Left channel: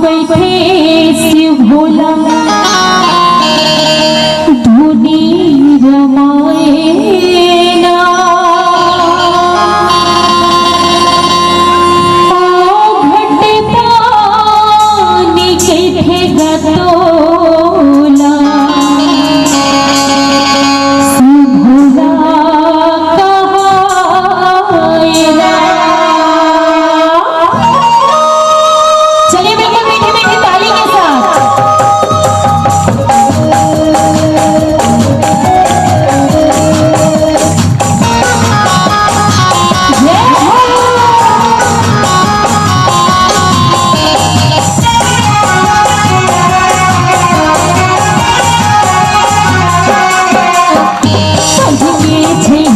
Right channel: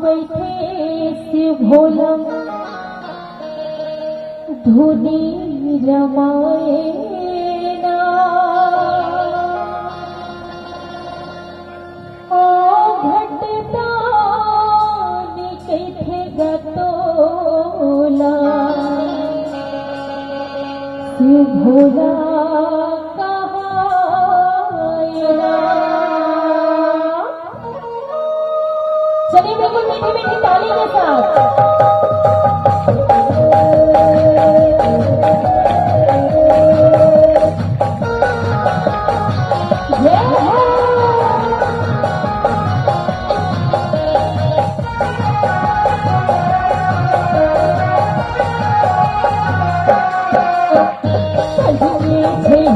बैठे शिव भोला धुनी रमाए ना घटे पानी के थे गतोला शिव भोला चलिए बिल्कुल मीठी मीठी ताली के साथ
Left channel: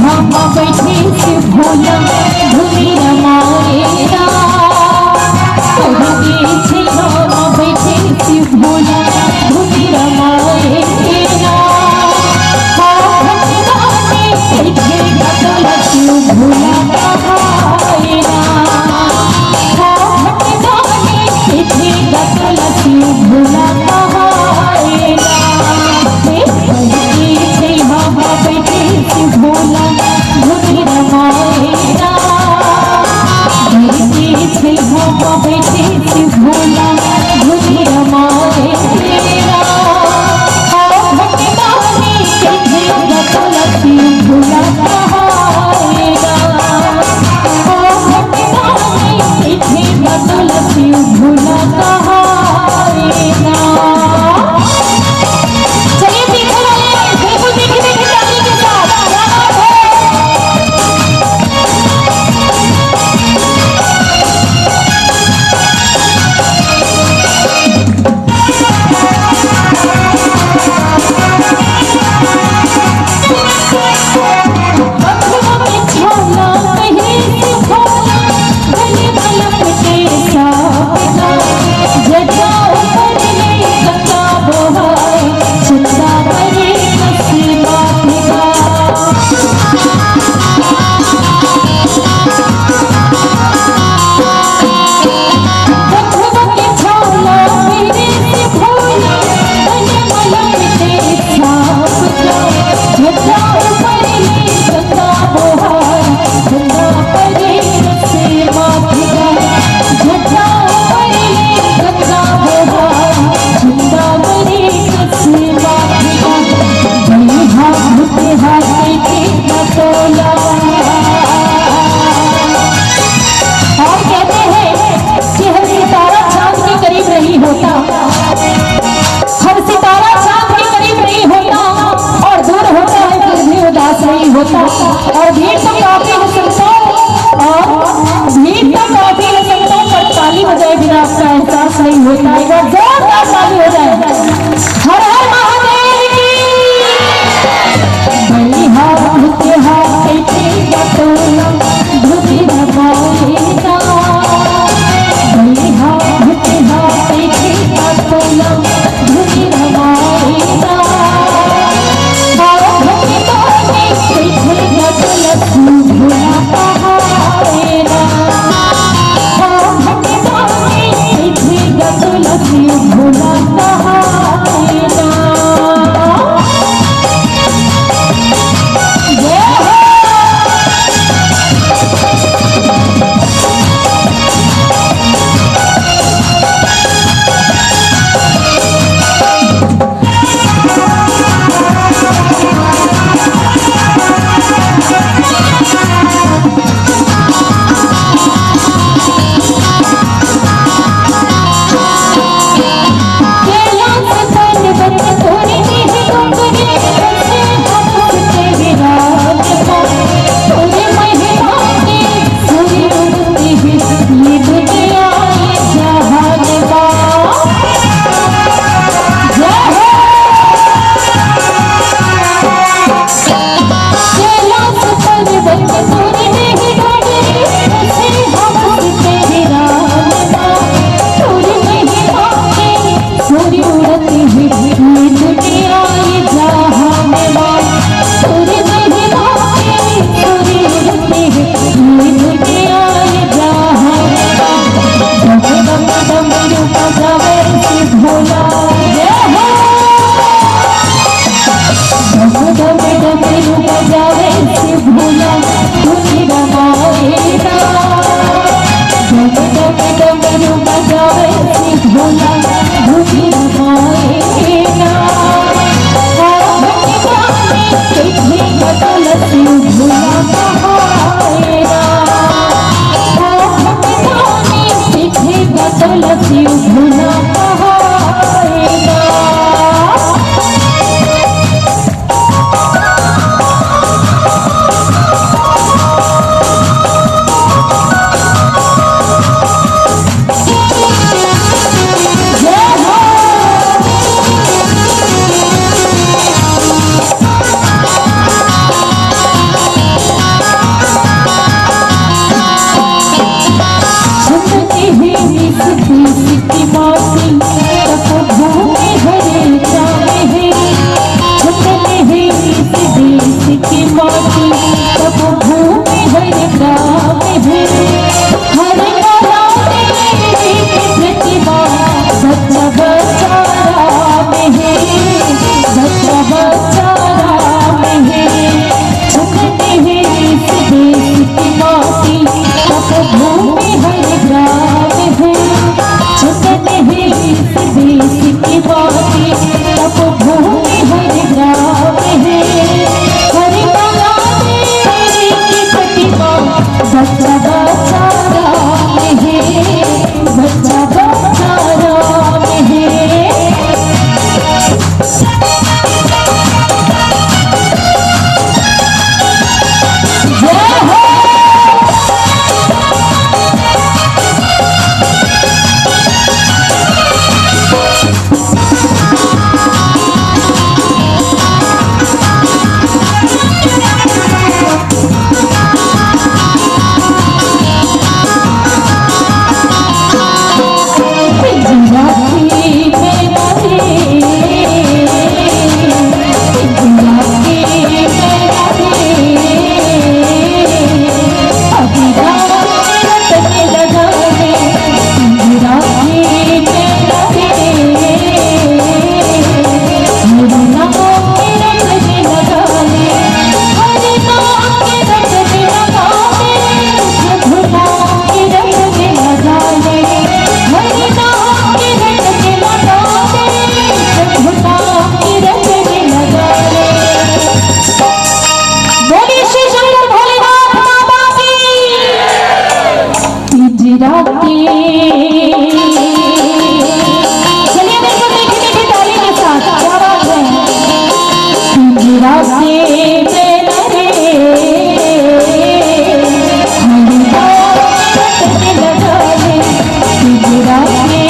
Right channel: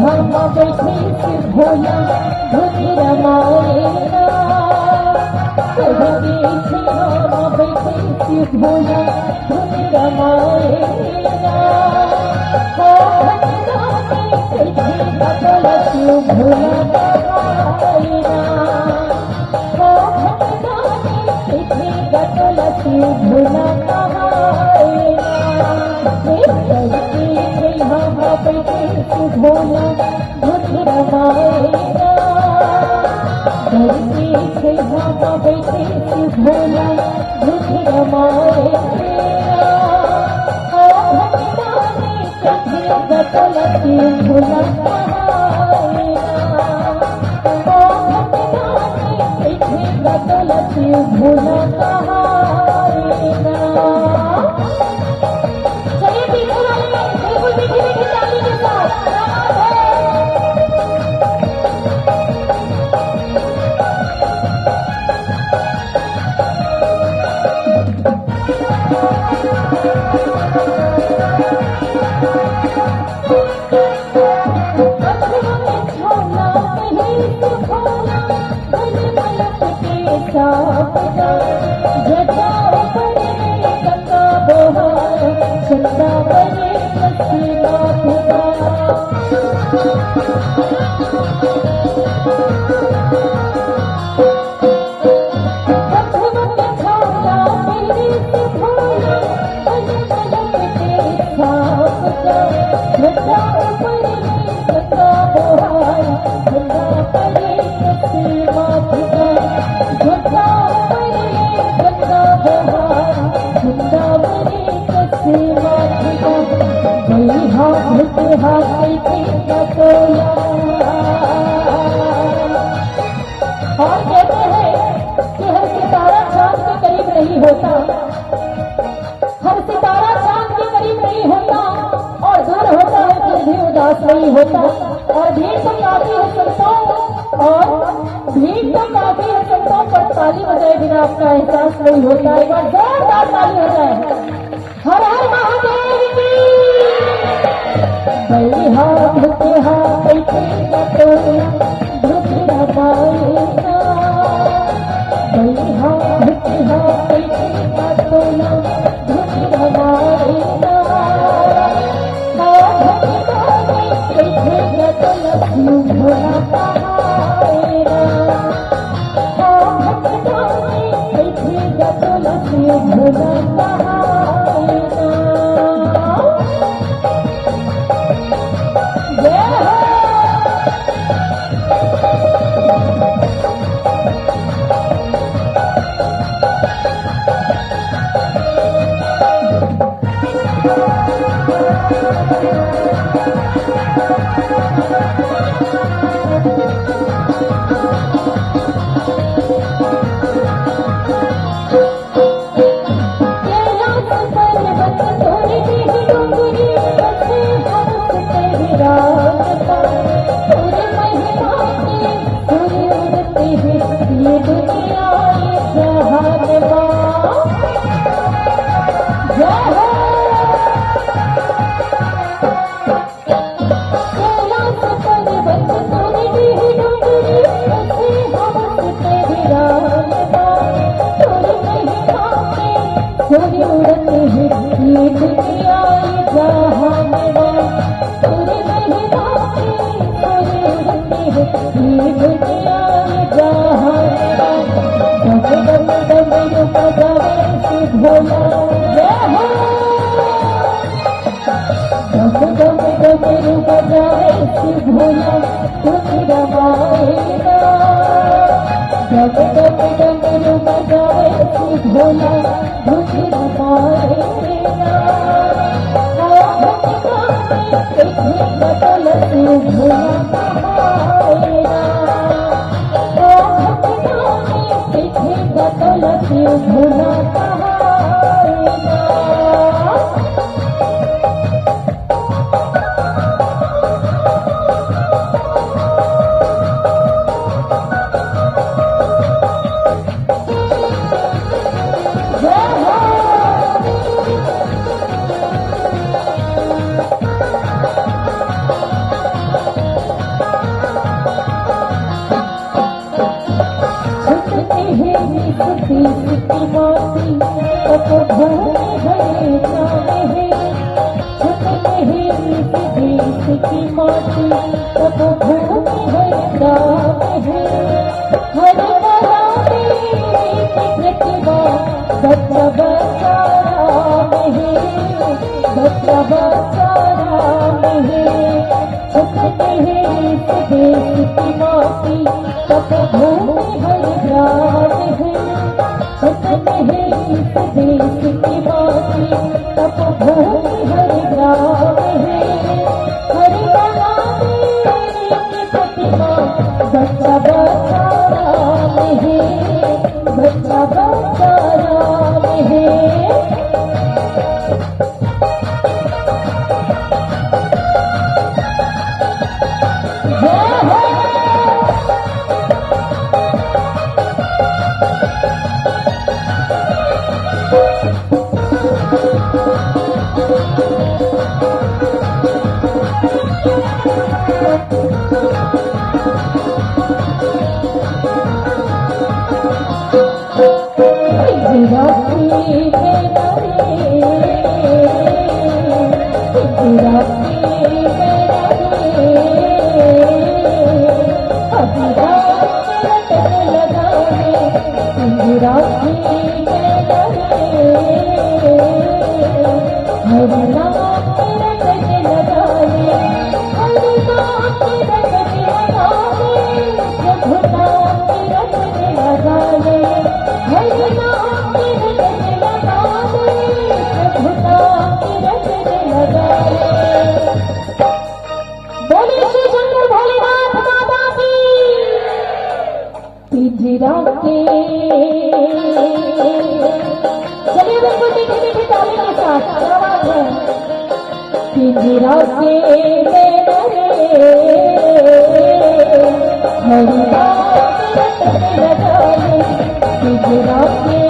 हम बैठे शिव भोला धुनी रमाएगा बैठे शिव भोला धुनी रमाएगा शिव भोला कहाएगा शिव भोला कहाएगा बैठे शिव भोला धुनी रमाएगा बैठे शिव भोला धुनी रमाएगा शिव भोला कहाएगा शिव भोला कहाएगा। चलिए पीछे वाले बिल्कुल मीठी मीठी ताली के साथ और कहते हैं कि हर सितारा चांद के करीब नहीं होता, हर सितारा चांद के करीब नहीं होता और दूर होता है फिर भी उदास नहीं होता। और भीड़ तो काफी है संतों पर ताली हो जाए बिना आपका एहसास नहीं होता है। जोरदार ताली हो जाए। हर हर महादेव की धुनी रमाएगा धुनी रमाएगा भोला कहाएगा भोला कहाएगा। वैसे भोला भूखी माएगा तुलसी भोला कहाएगा सीखेगा तुलसी भोला कहाएगा। बच्चा बच्चा राम है बच्चा बच्चा राम है। जय हो चलिए देखो देखने की ताली के साथ क्या बात है। पिंजरा से लगे हरिया लगा पिंजरा से